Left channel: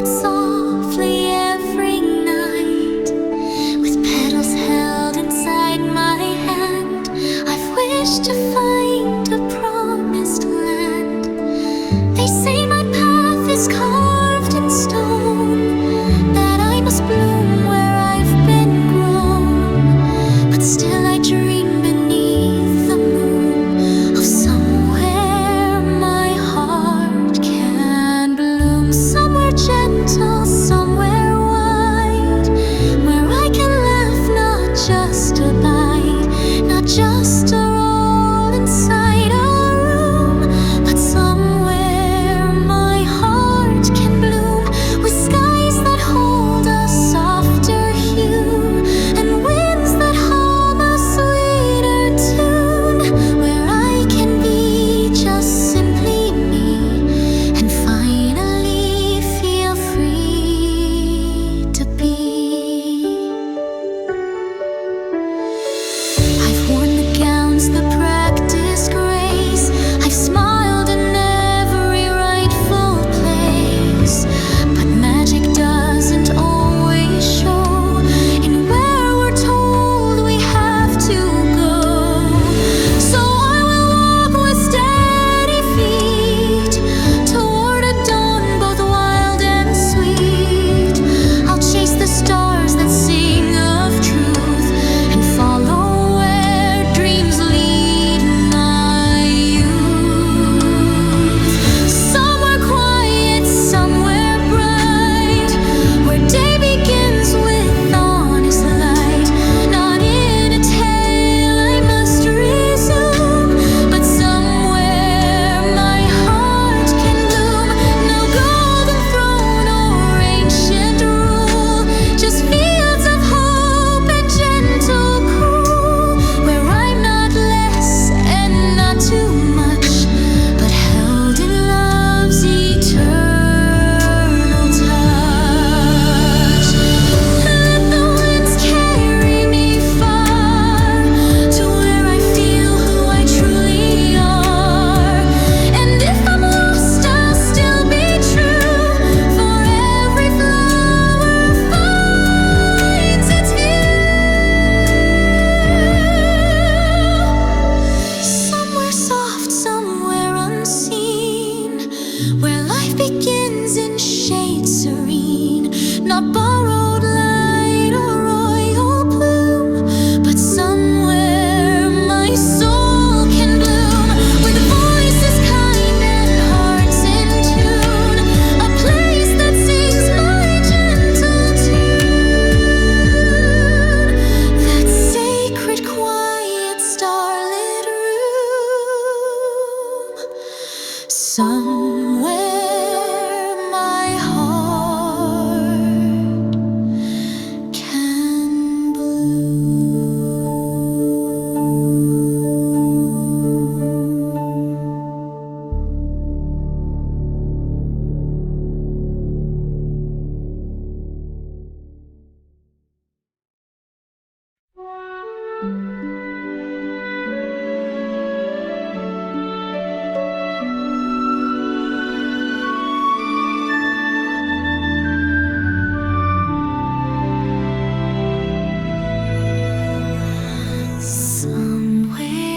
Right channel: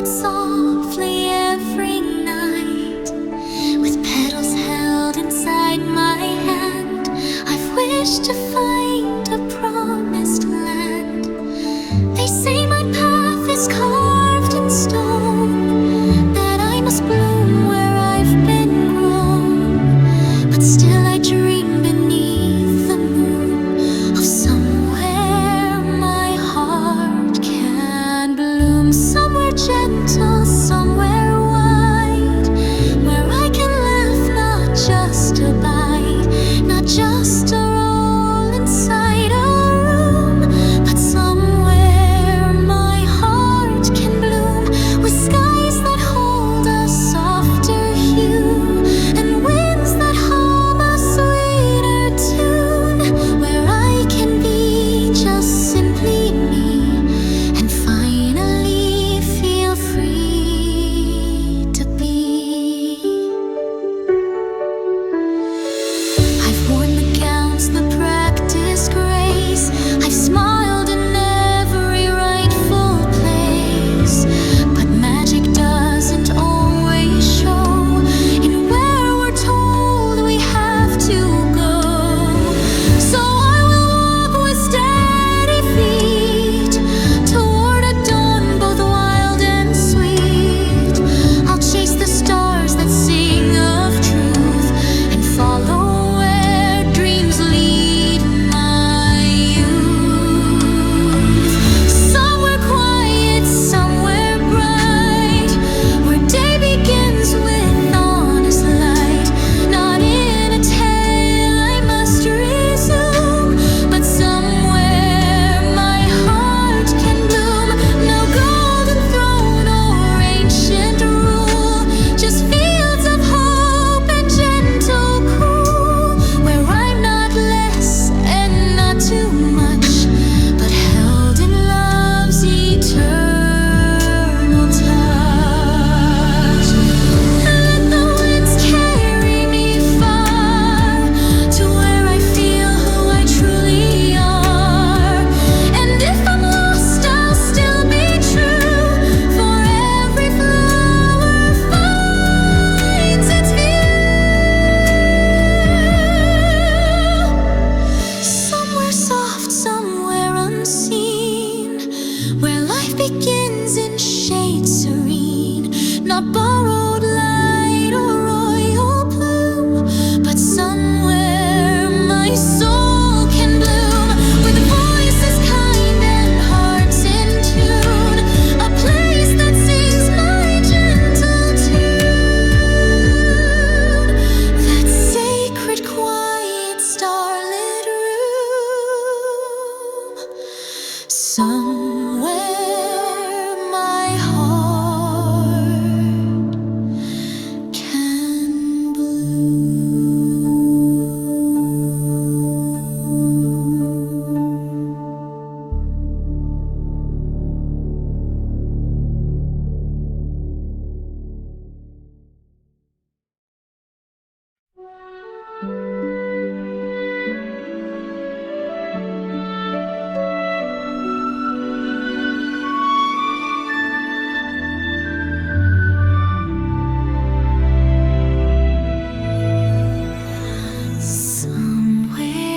whispered softly every night, with petals held inside my hand. I've wished to find a promised land. They say my path is carved in stone, that I must bloom where I've been grown. But still I dream beneath the moon of somewhere my heart can bloom. Somewhere gentle, somewhere wide, where I can laugh, not just abide, not just a roll inside a room, but somewhere my heart can bloom, with skies that hold a softer hue and winds that hum a sweeter tune, where I can be just simply me and finally feel free to be. I've worn the gowns, the practiced grace. I've smiled in every rightful place, but magic doesn't always show in where we're told we have to go. So I will walk with steady feet toward a dawn both wild and sweet. I'll chase the stars that sing of truth and follow where dreams lead my youth. Somewhere quiet, somewhere bright, where day begins with honest light. Not in a tale I must resume, but somewhere my heart can bloom. No golden throne or ancient rule, just fields of hope and gentle cool, where I'm not less and not too much, but held in love's eternal touch. Let the winds carry me far to where I feel who I truly are. And if I'm lost, I'll still be true, for every flower finds its view. Somewhere soft, somewhere unseen, where life begins in shade serene. Not borrowed light or royal bloom, but somewhere my soul can bloom, with voices kind and hearts in tune. A place that sings my gentle tune, that sacred, quiet, starlit room. Somewhere my heart can bloom. Somewhere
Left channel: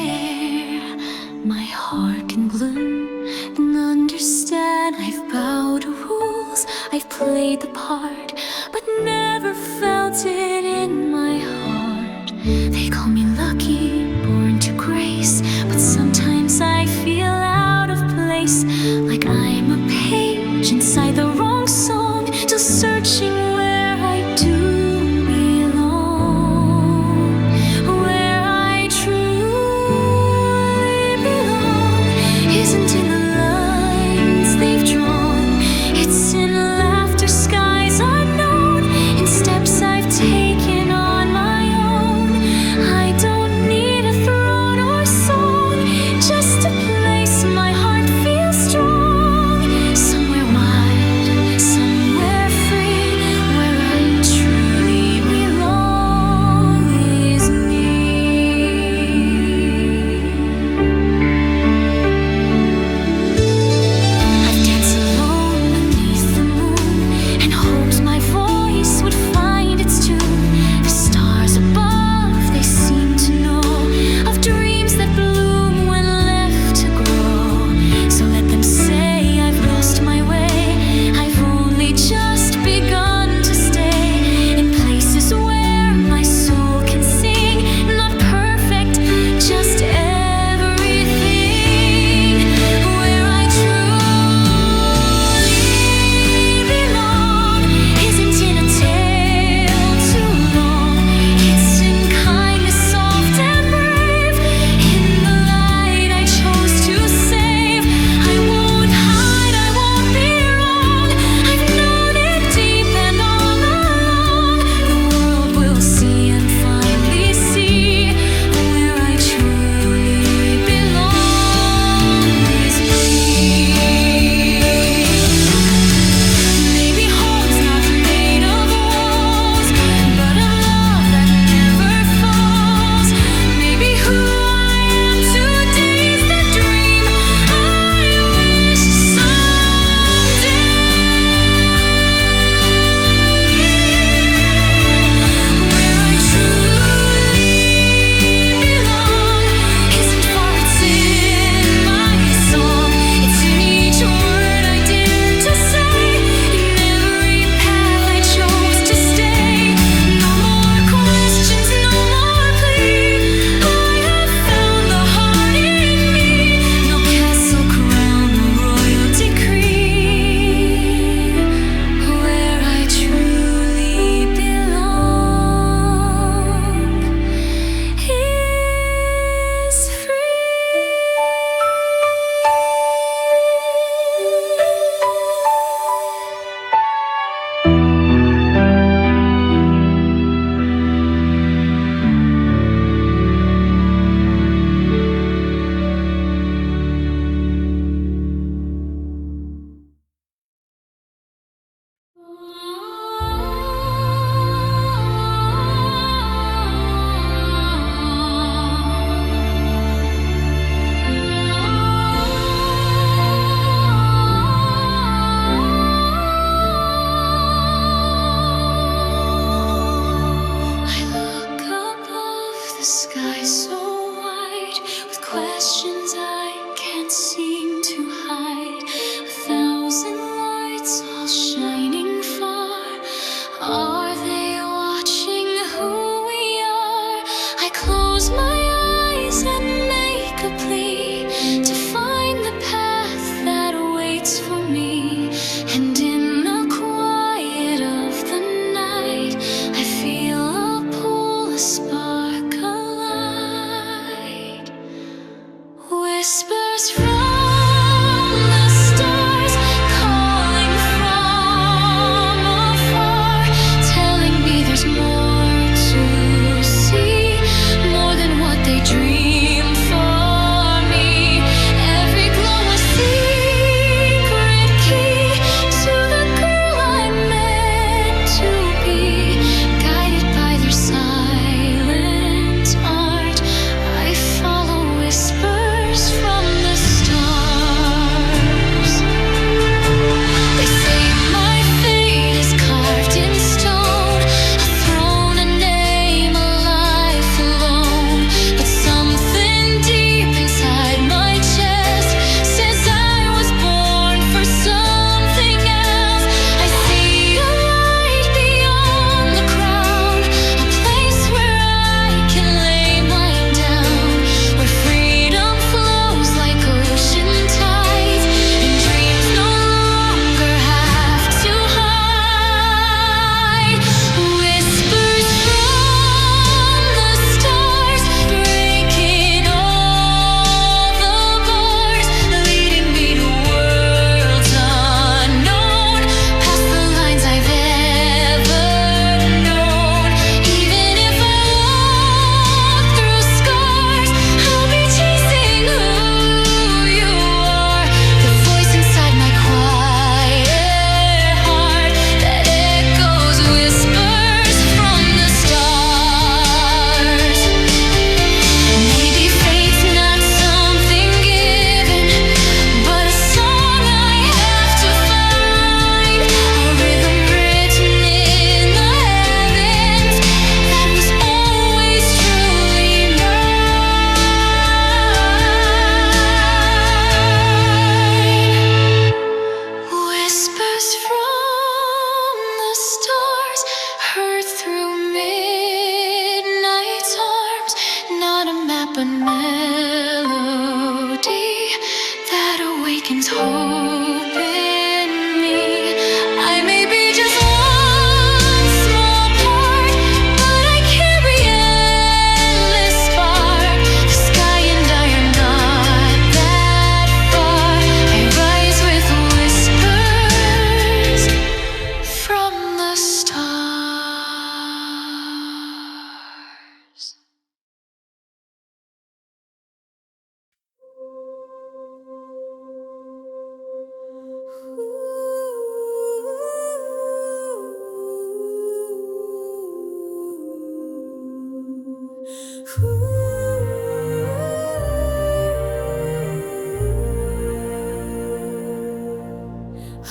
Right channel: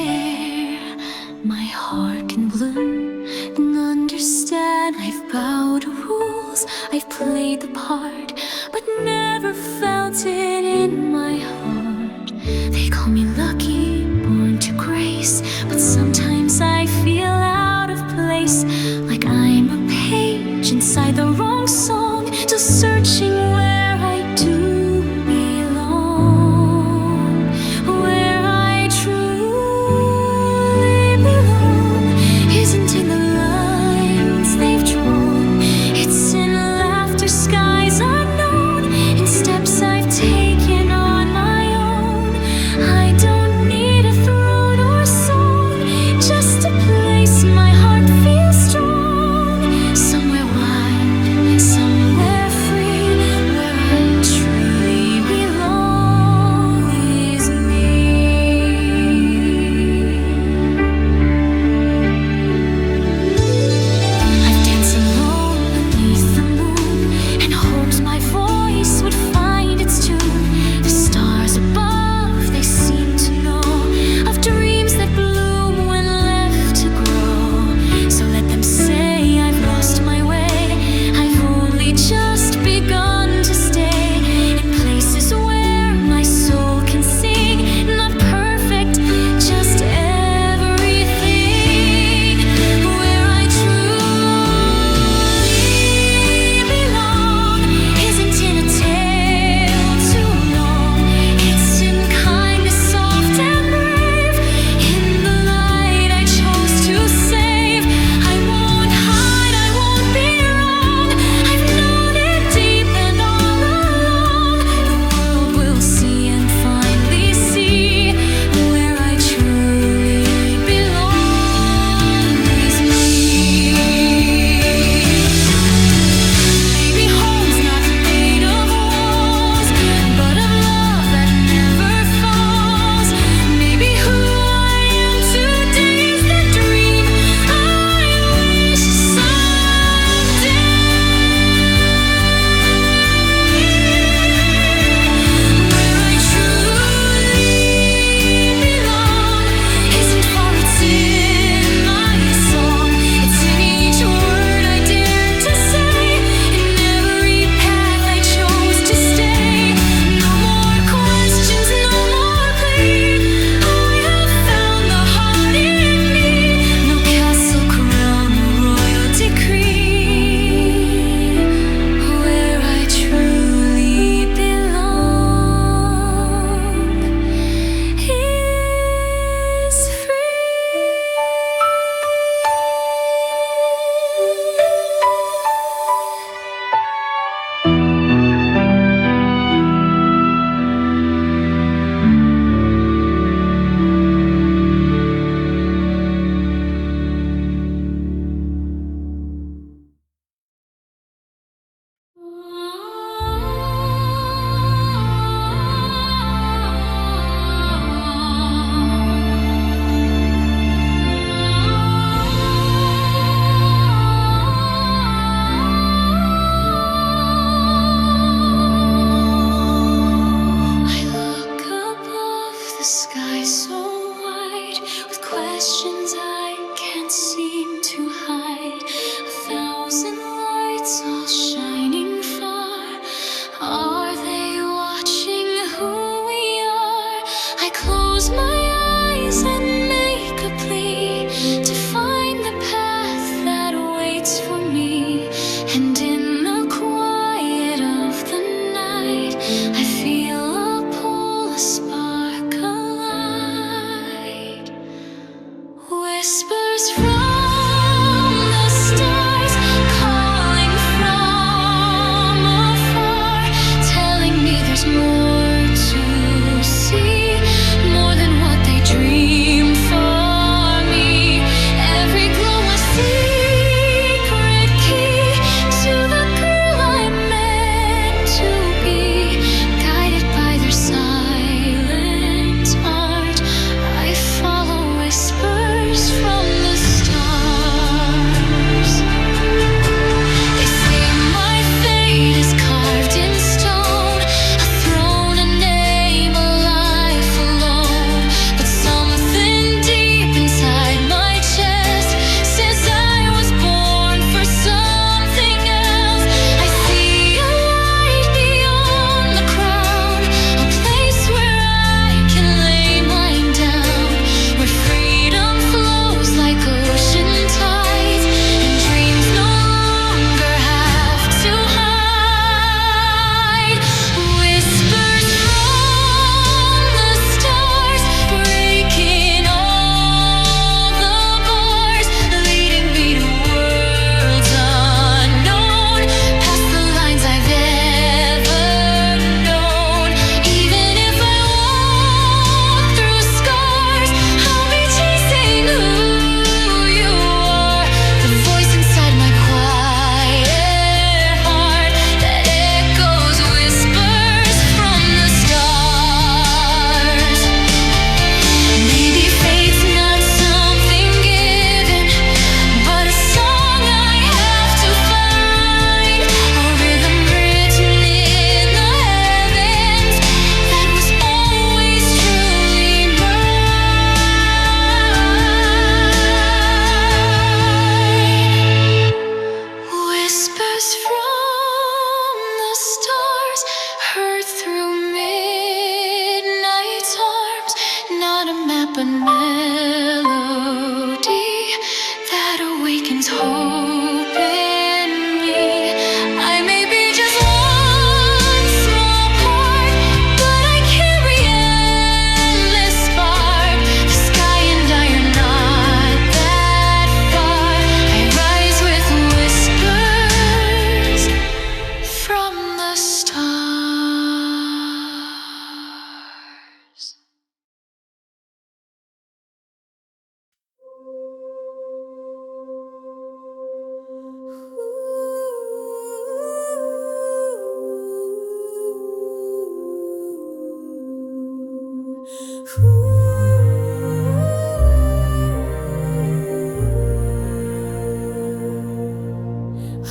my heart can bloom and understand. I've bowed to rules, I've played the part, but never felt it in my heart. They call me lucky, born to grace, but sometimes I feel out of place, like I'm a page inside the wrong song, still searching where I do belong, where I truly belong. Isn't in the lines they've drawn, it's in laughter, skies unknown, in steps I've taken on my own. I don't need a throne or song, just a place my heart feels strong. Somewhere wide, somewhere free, where I truly belong is me. I've danced alone beneath the moon hopes my voice would find its tune. The stars above, they seem to know of dreams that bloom when left to grow. So let them say I've lost my way. I've only just begun to stay in places where my soul can sing. Not perfect, just everything. Where I truly belong isn't in a tale too long. It's in kindness soft and brave, in the light I chose to save. I won't hide, I won't be wrong. I've known it deep and all along. The world will see and finally see where I truly belong is me. Maybe home's not made of walls, but of love that never falls. Maybe who I am today is the dream I wish someday. Where I truly belong isn't far, it's in my song. It's in each word I dare to say, in every path I chose to stay. No more questions, no more plea. I have found the heart in me. No castle, crown, or royal decree. Where I truly belong is free. I look above the sky so wide, with questions I can't seem to hide. 1,000 lights all shining far. Are they watching who we are? I close my eyes and make a plea to find the path that waits for me. And in the quiet of the night, I feel a pull, a spark, a light. Whispers from the stars, calling from afar, telling me there's more to see, more than what they dream for me. Every glow a secret key to the girl I'm meant to be. Guided by their silent art, I follow whispers from the stars. They say my fate is carved in stone, a throne, a name, a life alone. But something deep inside my chest the stars.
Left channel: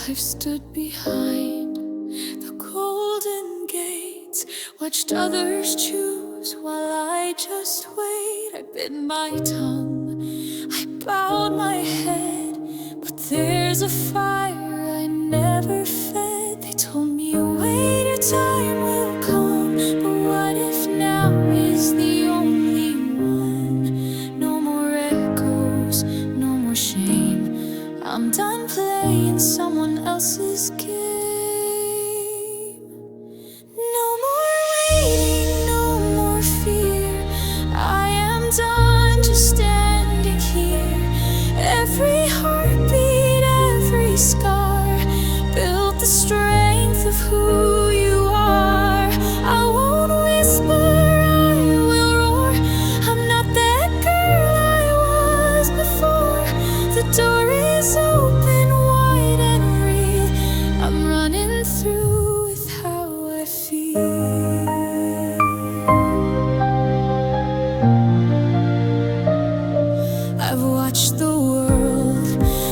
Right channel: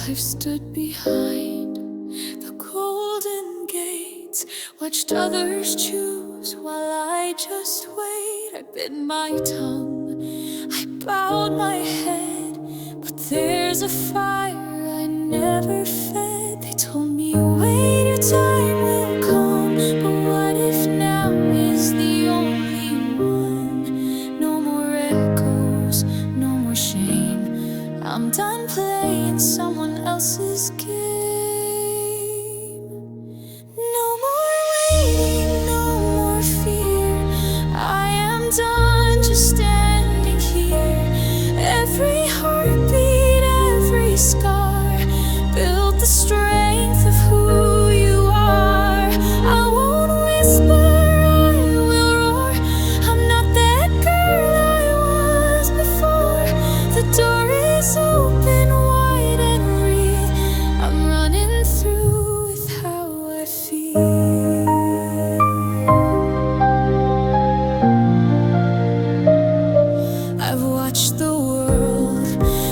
I've stood behind the golden gates, watched others choose while I just wait. I bit my tongue, I bowed my head, but there's a fire I never fed. They told me wait, your time will come, but what if now is the only one? No more echoes, no more shame. I'm done playing someone else's game. No more waiting, no more fear. I am done just standing here. Every heartbeat, every scar built the strength of who you are. I won't whisper, I will roar. I'm not that girl I was before. The door is open wide and real. I'm running through with how I feel. I've watched the world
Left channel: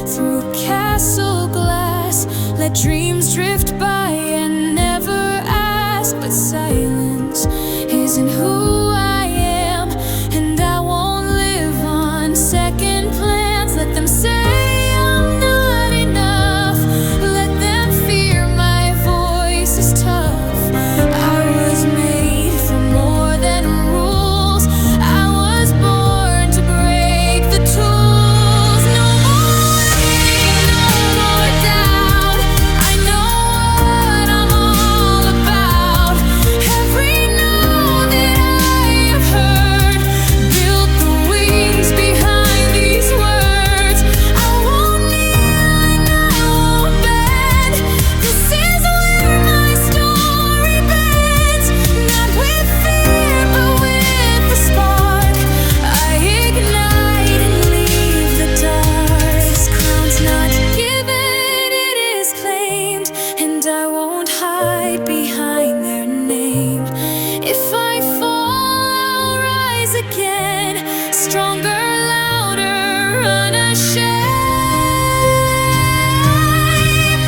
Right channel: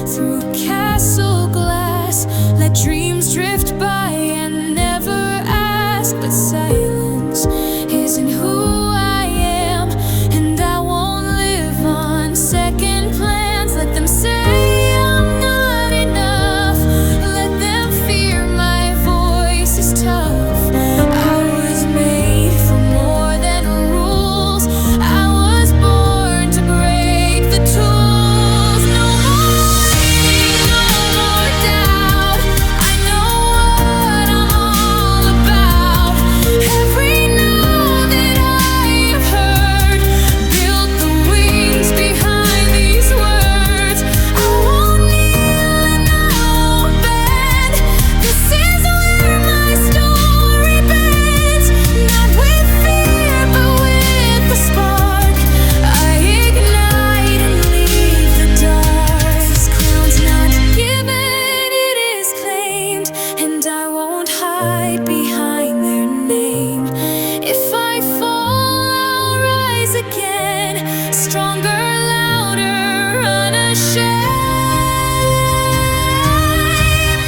through castle glass, let dreams drift by and never ask. But silence isn't who I am, and I won't live on second plans. Let them say I'm not enough, let them fear my voice is tough. I was made for more than rules. I was born to break the tools. No more waiting, no more doubt. I know what I'm all about. Every no that I have heard built the wings behind these words. I won't kneel and I won't bend. This is where my story bends. Not with fear, but with the spark. I ignite and leave the dark. This crown's not given, it is claimed, and I won't hide behind their name. If I fall, I'll rise again, stronger, louder, unashamed.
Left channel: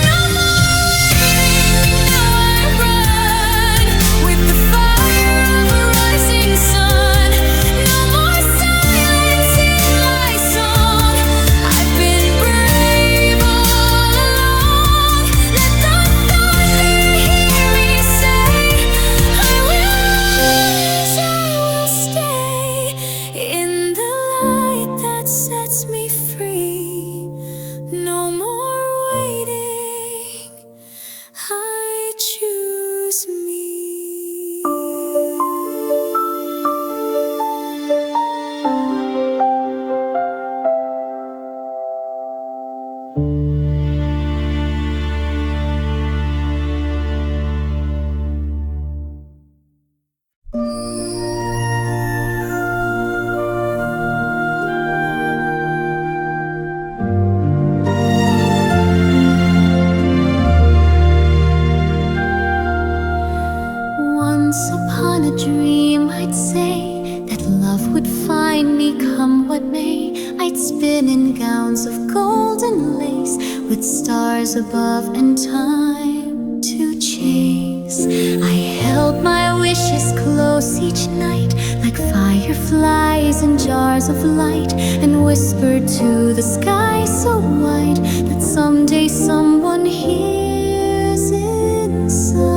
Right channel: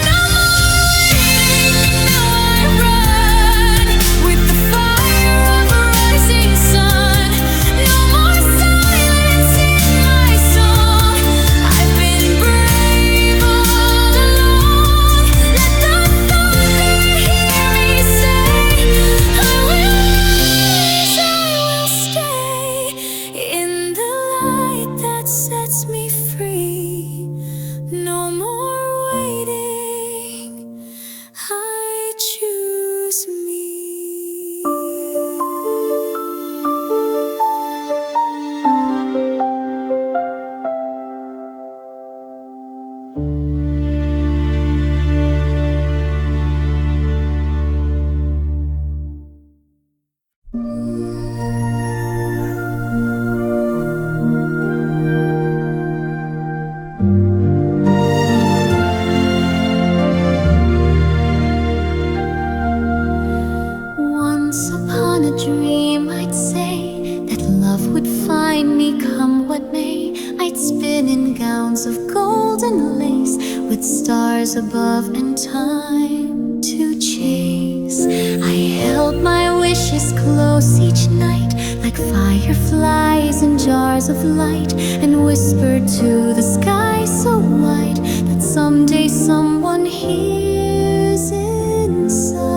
No more waiting, now I run with the fire of a rising sun. No more silence in my song. I've been brave all along. Let the thunder hear me say, I will rise, I will stay in the light that sets me free. No more waiting, I choose me. Once upon a dream, I'd say that love would find me come what may. I'd spin in gowns of golden lace, with stars above and time to chase. I held my wishes close each night, like fireflies in jars of light, and whispered to the sky so wide that someday someone hears inside.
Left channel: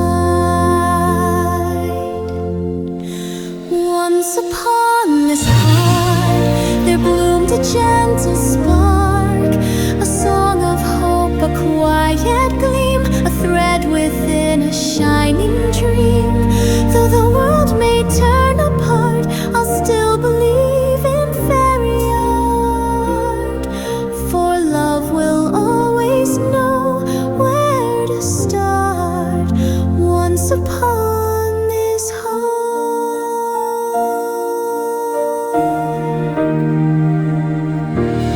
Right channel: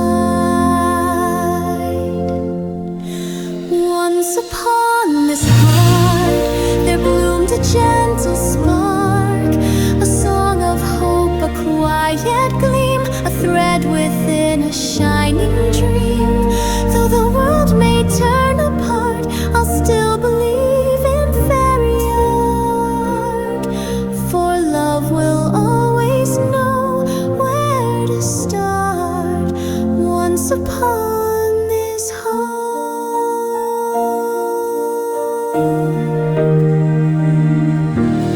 Once upon this heart there bloomed a gentle spark, a song of hope, a quiet gleam, a thread within a shining dream. Though the world may turn apart, I'll still believe in fairy art, for love will always know where to start. once upon this heart.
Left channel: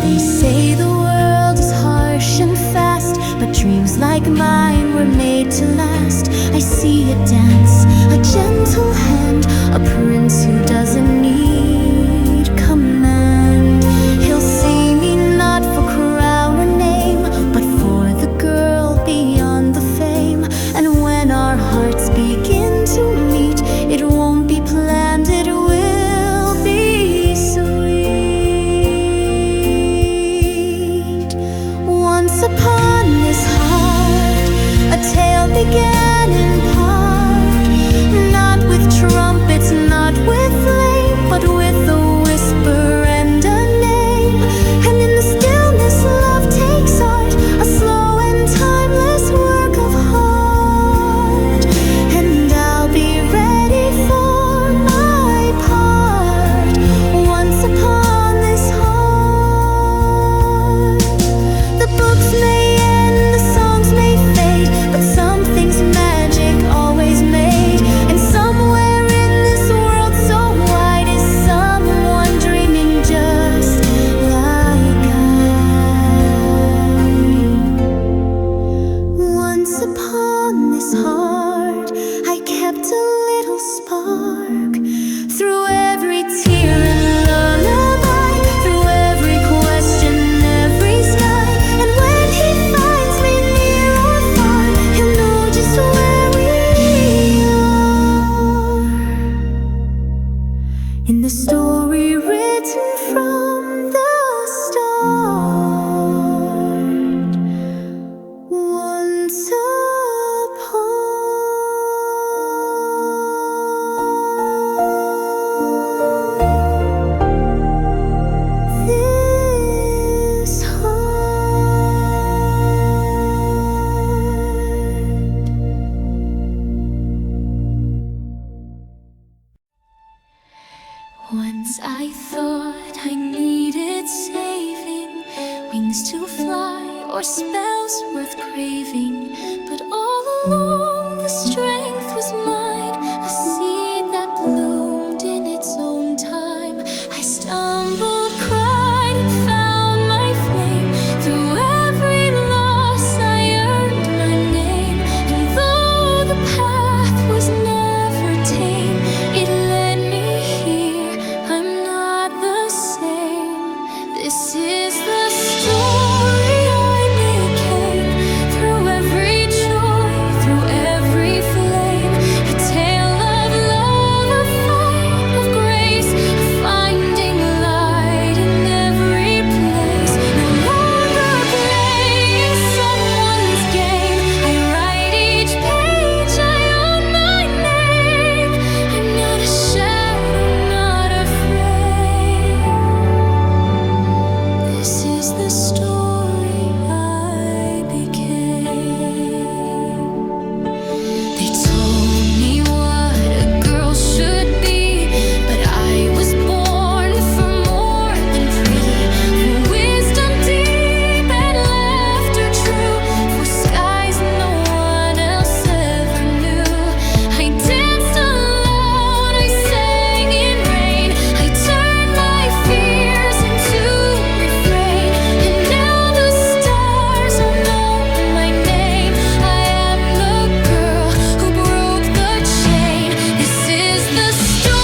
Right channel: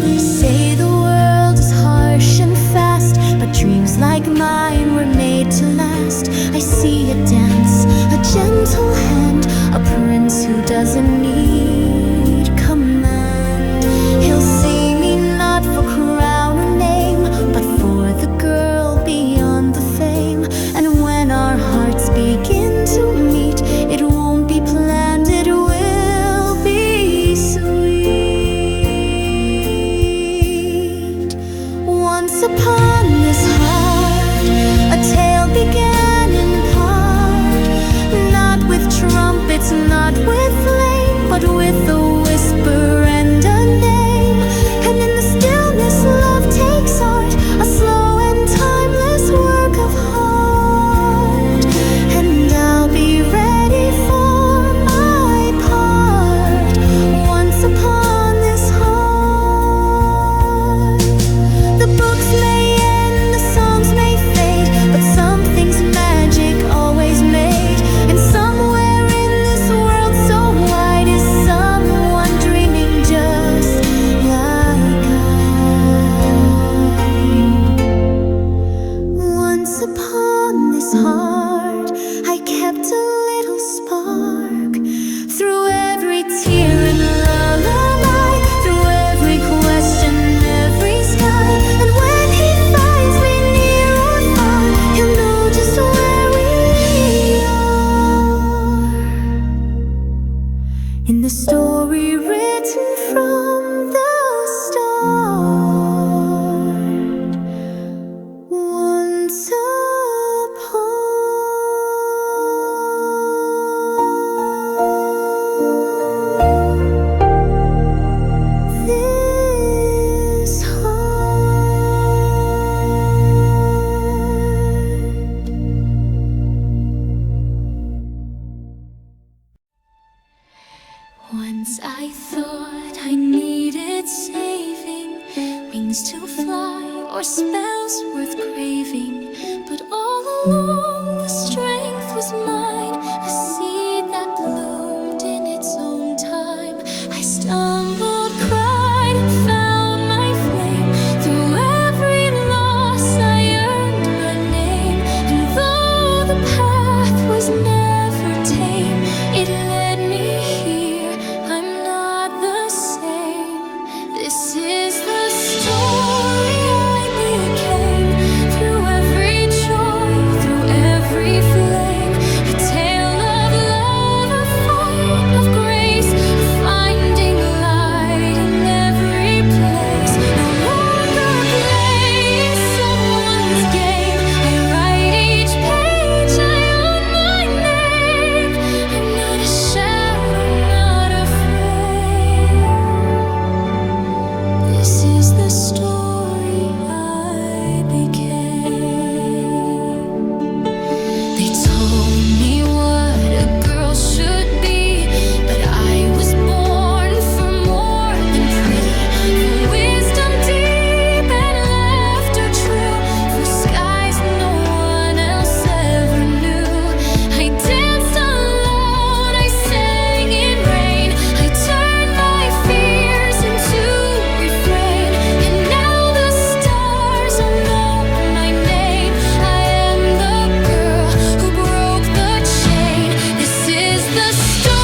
They say the world is harsh and fast, but dreams like mine were made to last. I see a dance, a gentle hand, a prince who doesn't need command. He'll see me not for crown or name, but for the girl beyond the fame. And when our hearts begin to meet, it won't be planned, it will be sweet. Once upon this heart, a tale began in part, not with trumpets, not with flame, but with a whisper and a name. And in the stillness love takes art, a slow and timeless work of heart. And I'll be ready for my part, once upon this heart. The books may end, the songs may fade, but something's magic always made. And somewhere in this world so wide is someone dreaming just like I. Once upon this heart, I kept a little spark. Through every tear and lullaby, through every question, every sky. And when he finds me near or far, he'll know just where we are. In the story written from the start, once upon this heart. Once I thought I needed saving, wings to fly or spells worth craving. But all along the strength was mine, a seed that bloomed in its own time. I stumbled, cried, and found my flame. Through every loss I earned my name. And though the path was never tame, it led me here. I'm not the same. This is the story I became. Through every joy, through every flame, a tale of love, a fight of grace, a finding light in every place. No longer playing someone's game. I write each page, I own my name. I'm not a shadow, not afraid. This is the story I became. They told me what a girl should be, but I was born for more than pretty, for wisdom deep and laughter true, for skies no one else ever knew. I danced alone, I sang in rain, I turned my fears into refrain. And now the stars all know my name. I am the girl who broke the chain. This is the story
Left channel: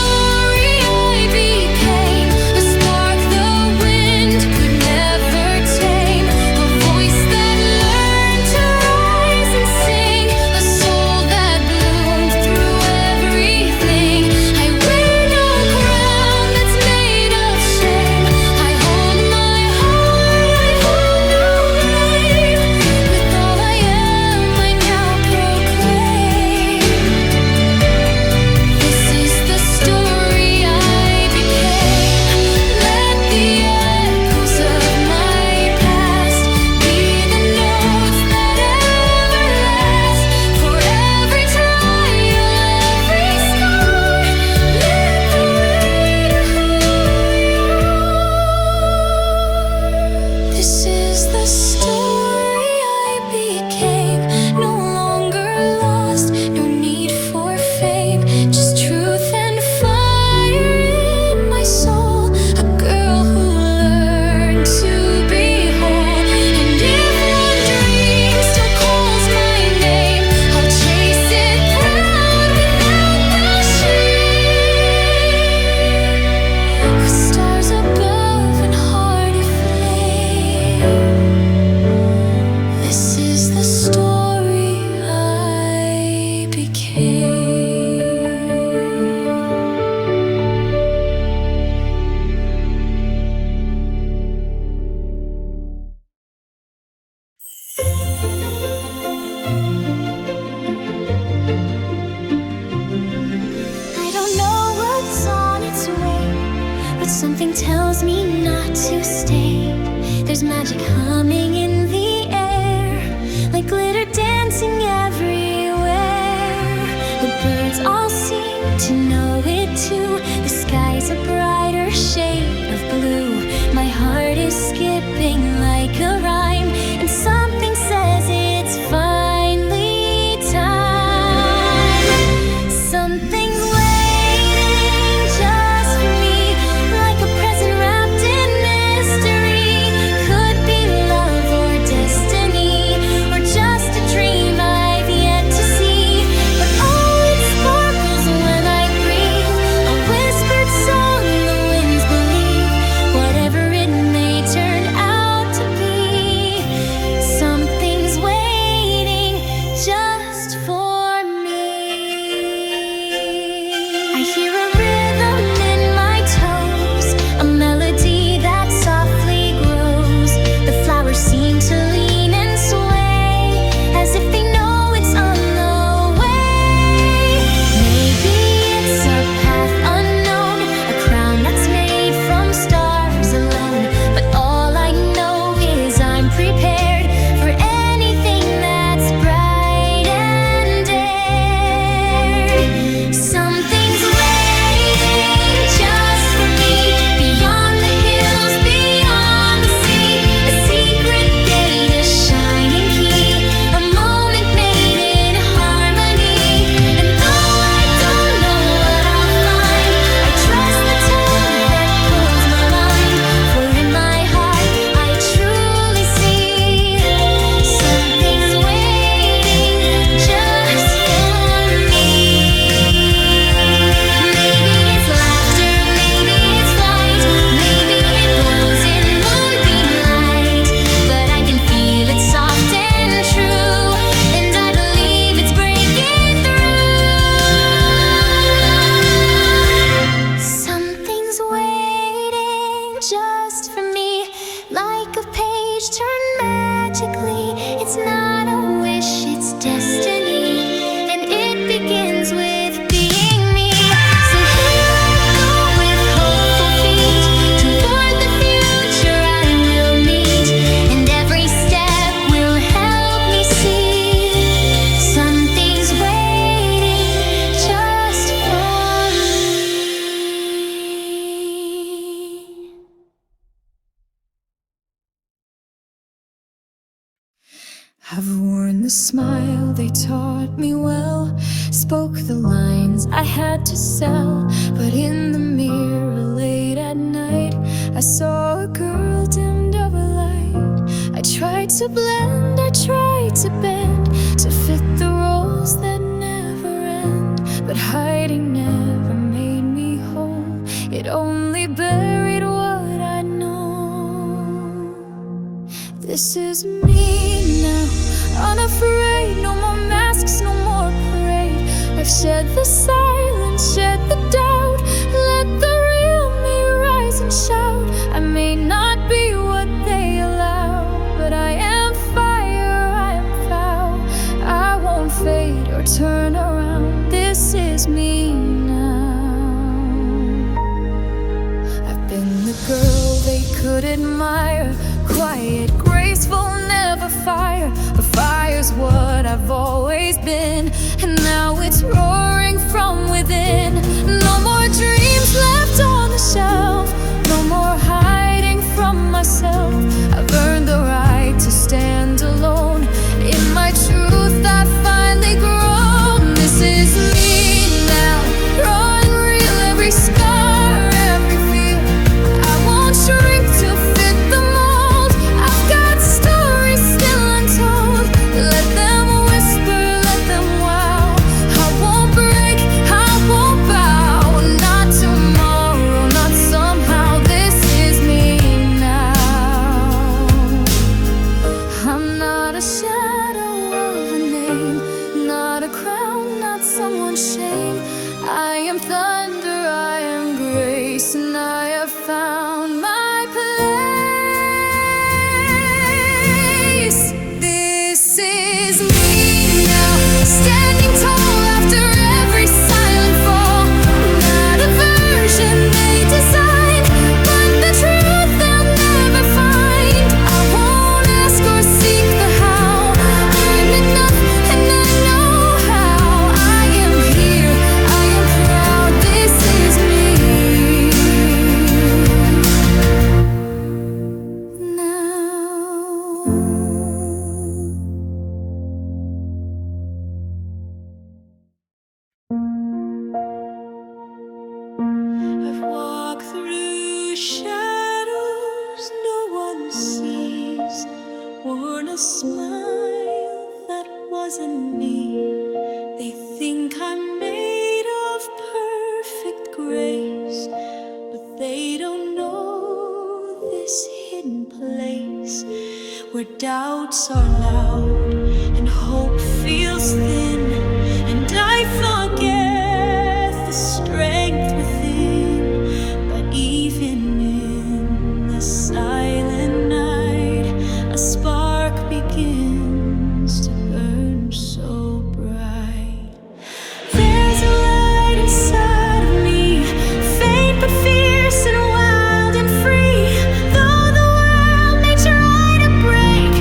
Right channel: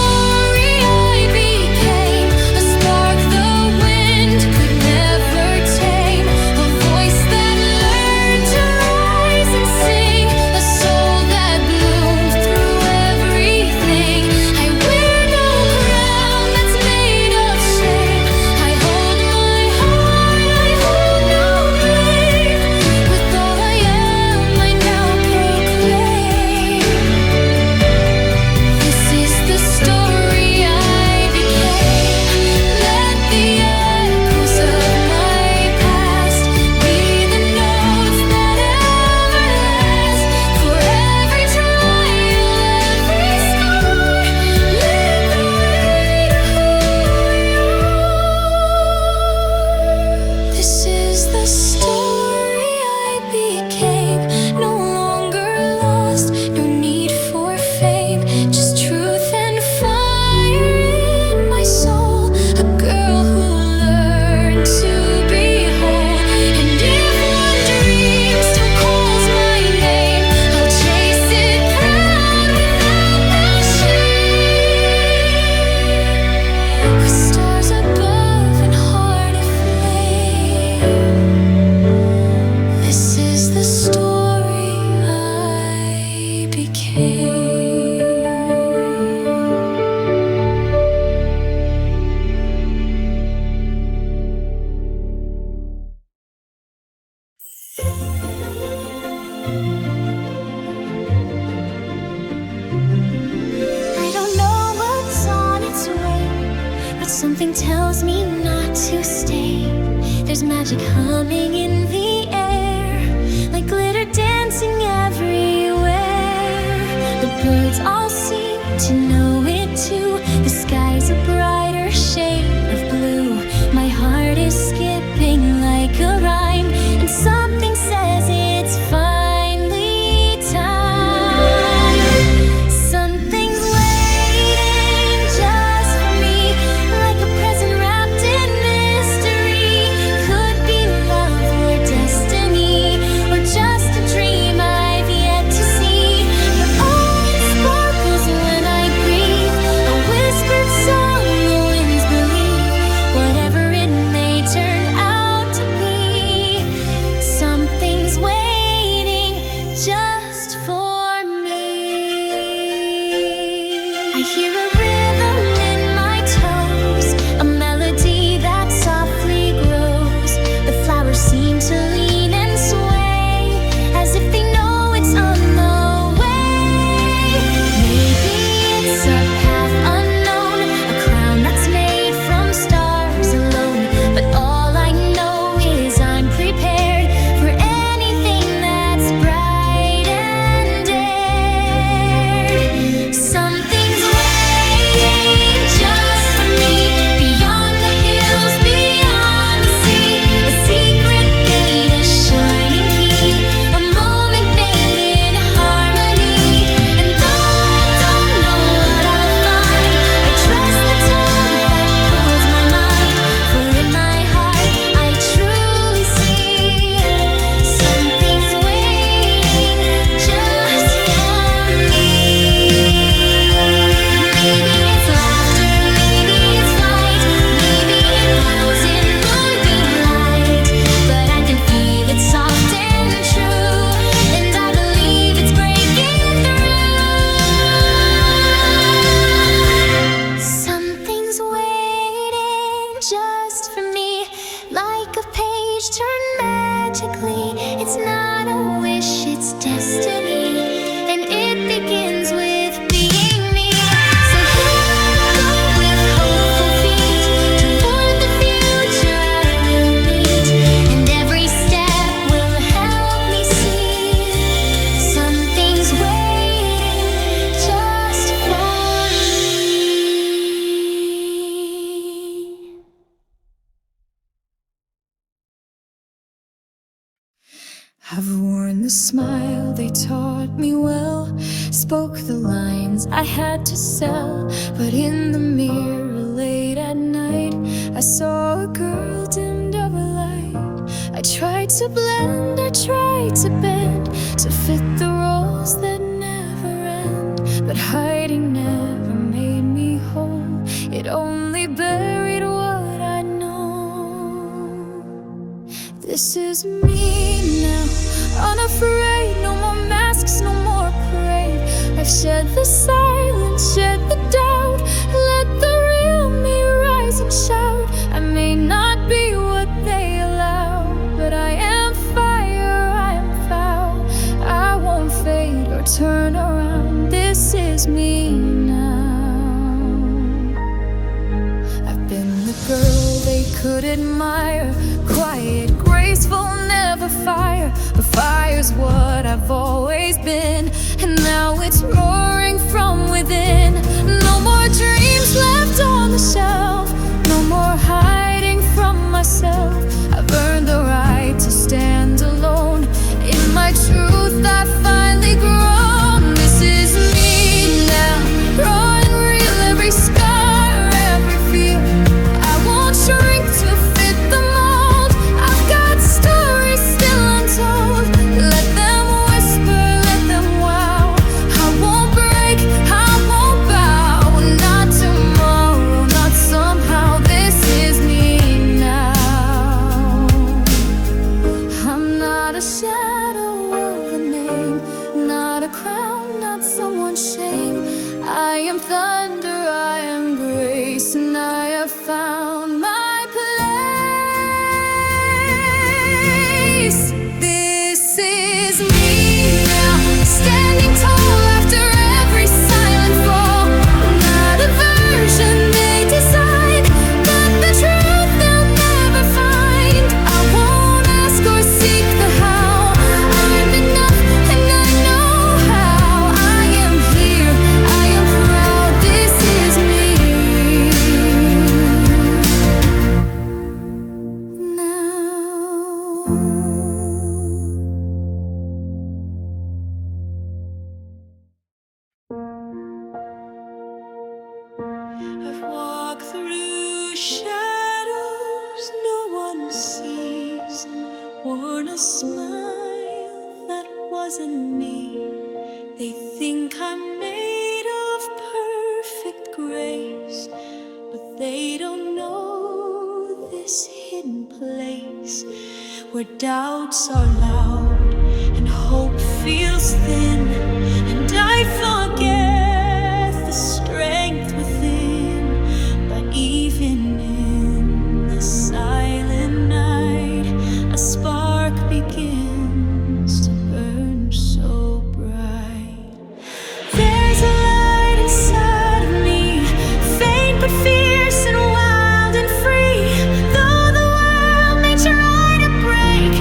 decay. I don't know what's on its way, but something tells me not to stay. There's magic humming in the air, like glitter dancing everywhere. The birds all seem to know it too. The sky's a brighter shade of blue. My heart is skipping like a rhyme, and something says it's finally time. Something's waiting just for me, like a present wrapped in mystery. Could be love or destiny, or just a dream I've yet to see. But oh, it sparkles when I breathe, a whispered song the winds believe. Whatever it may turn out to be, something's waiting just for me. I hear a rhythm in my toes, a melody that softly grows. The flowers seem to lean and sway, as if they know it's on the way. Maybe it's a path unknown, a crown that's made from stars alone. But all I know is I'm prepared for anything that's bright and dared. Something's waiting just for me, beyond the hills, beyond the sea. A secret gate, a shining key, a moment made in harmony. And though I don't know what I'll find, I trust the tug that pulls my mind. For in my heart I truly see, something's waiting just for me. Maybe it's laughter, maybe it's flight, maybe it glows in moonbeam light. But I can feel it soft and true, and I believe it's breaking through. Something's waiting just for me, like a page turned magically. It's not a wish, it's destiny, and it begins with being me. So here I go with hopeful feet, toward the future I will meet, and every step will help me see, something's waiting just for me. I've worn the smile they taught me well, spoke the lines I had to sell. But in the mirror late at night, I saw a girl dimmed of a light. I tried to blend, I tried to bend, to fit the roles that never end. But hiding never made me whole, it only buried what I know. This is me now, unafraid, no more masks, no more parade. I've shed the silence, shed the doubt, let the real me rise and shout. I may not be what they allow, but I am fire, I am foul. I won't fade or turn around, this is me now. I've been the girl they could admire, quiet, graceful, never fire. But fire's what I've always been, and now it's roaring from within. No more dreams left on the shelf, no more hiding from myself. I've earned the right to stand alone, in my truth I've finally grown. This is me now, raw and real, every scar, every fear. I won't shrink to fit the mold, I've got stories still untold. Let them whisper, let them wow. I won't break, I won't bow, not tomorrow, not somehow. This is me now. I'm not a shadow of a name, not a crown, not not someone's shame. I am thunder, I am grace, and I have found my place. This is me now, standing tall after every silent fall. Not a version they design, but the truth they'll never find. I won't ask or seek the how. I'm enough and I know how. I am here, I am proud. This is me now. I've walked through shadows no one sees, worn a smile that wasn't me. They think I'm made of perfect grace, but they don't know this hidden place where doubts are loud and hope feels thin, and I forget the strength within. But even in the silent night, a spark begins to burn so bright. There's a light inside of me, faint but fierce and wild and free. Though the world may try to break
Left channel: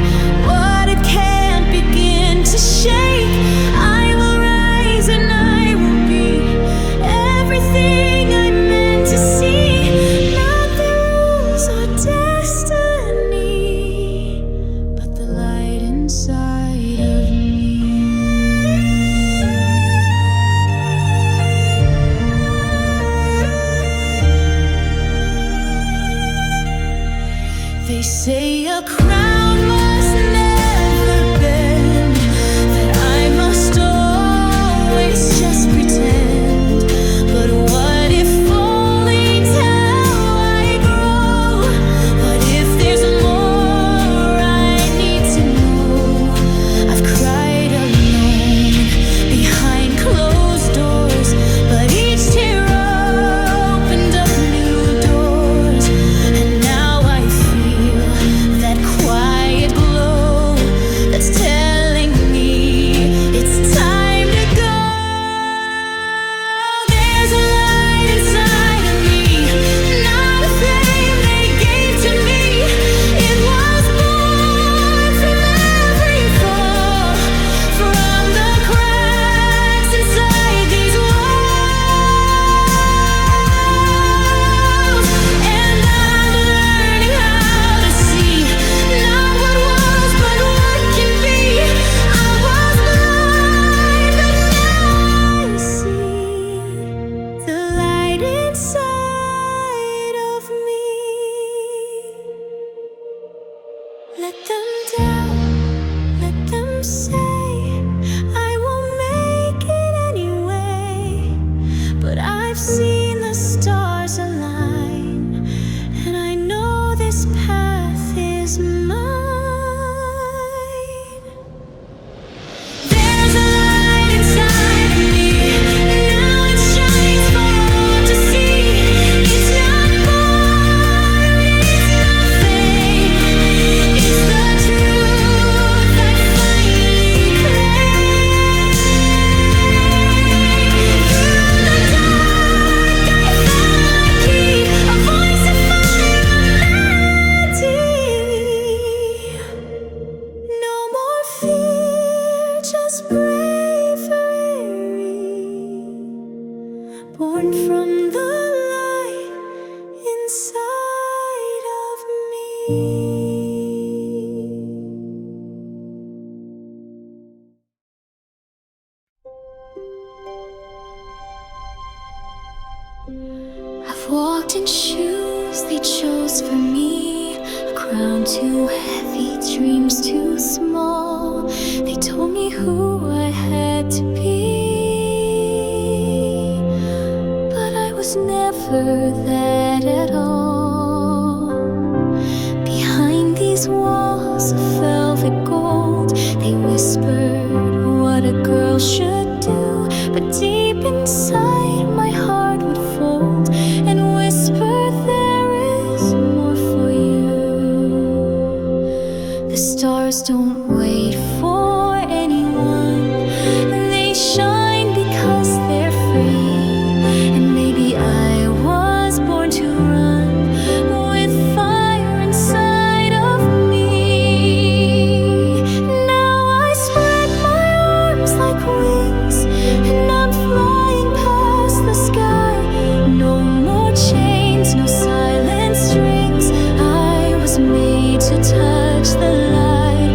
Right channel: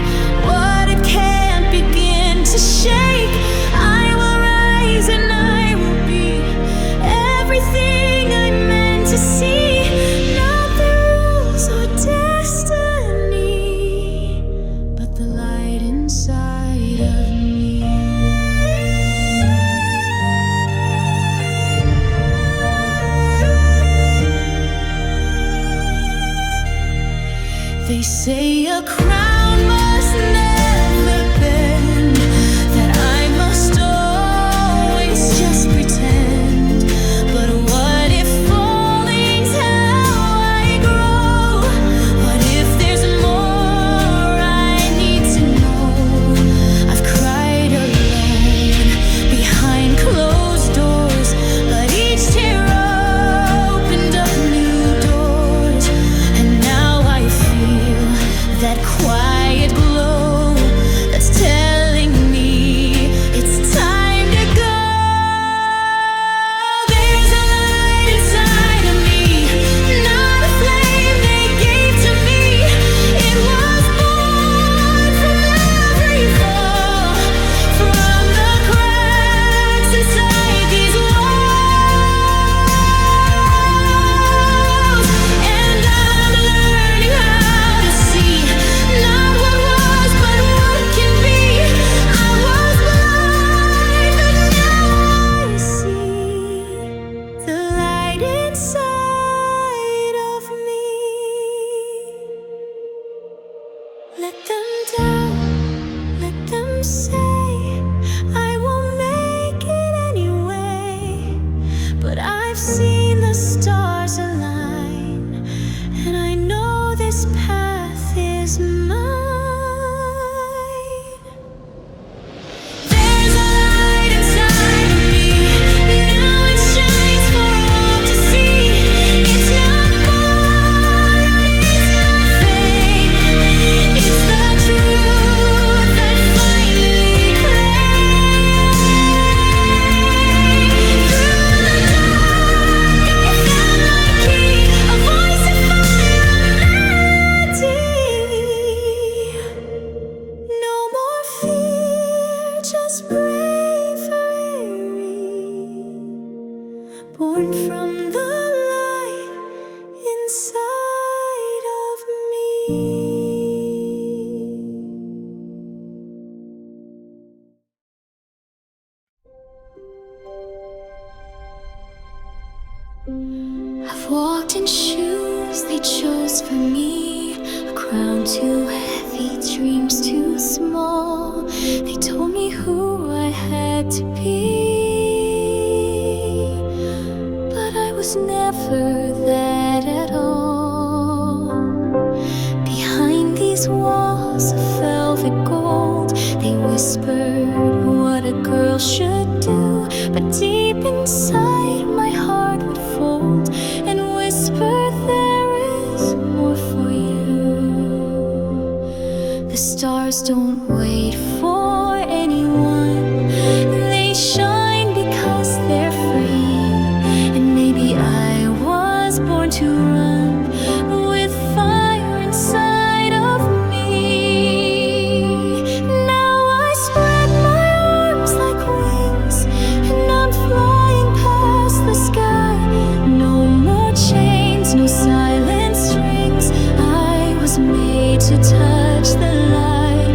what it can't begin to shake, I will rise and I will be everything I'm meant to see. Not the rules or destiny, but the light inside of me. They say a crown must never bend, that I must always just pretend. But what if falling's how I grow? What if there's more I need to know? I've cried alone behind closed doors, but each tear opened up new doors. And now I feel that quiet glow that's telling me it's time to go. There's a light inside of me, not a flame they gave to me. It was born from every fall, from the cracks inside these walls. And I'm learning how to see not what was, but what can be. I was blind, but now I see the light inside of me. Let them doubt, let them say I won't make it anyway. But I've seen the stars align, and I know this path is mine. There's a light inside of me, now it shines for all to see. It's not borrowed, it's not fake, it's the truth I finally claim. Through the dark I found my key, a voice of fire, a melody. No more fear, just bravery, born from the light inside of me. I've walked in shoes they chose for me, a crown too heavy, dreams too small. They told me who I had to be, but I was never that at all. Behind these walls of velvet gold, they whispered what a girl should do. but deep inside my heart would fold and whisper, there is more for you. The stars don't wait for anyone, they shine because they're free. And maybe I was born to run with fire inside of me. Now I spread my arms like wings, and I'm flying past the sky. No more chains, no silent strings. I was made to touch the light.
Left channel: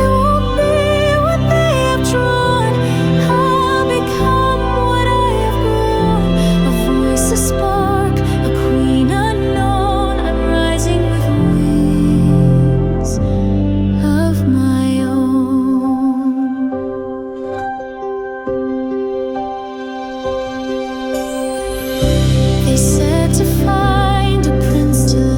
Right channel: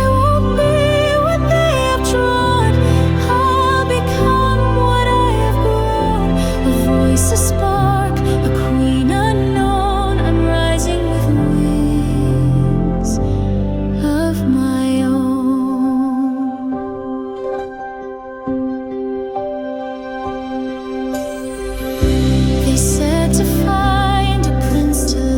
I won't be what they have drawn, I'll become what I have grown. A voice, a spark, a queen unknown. I'm rising with wings of my own. They said to find a prince to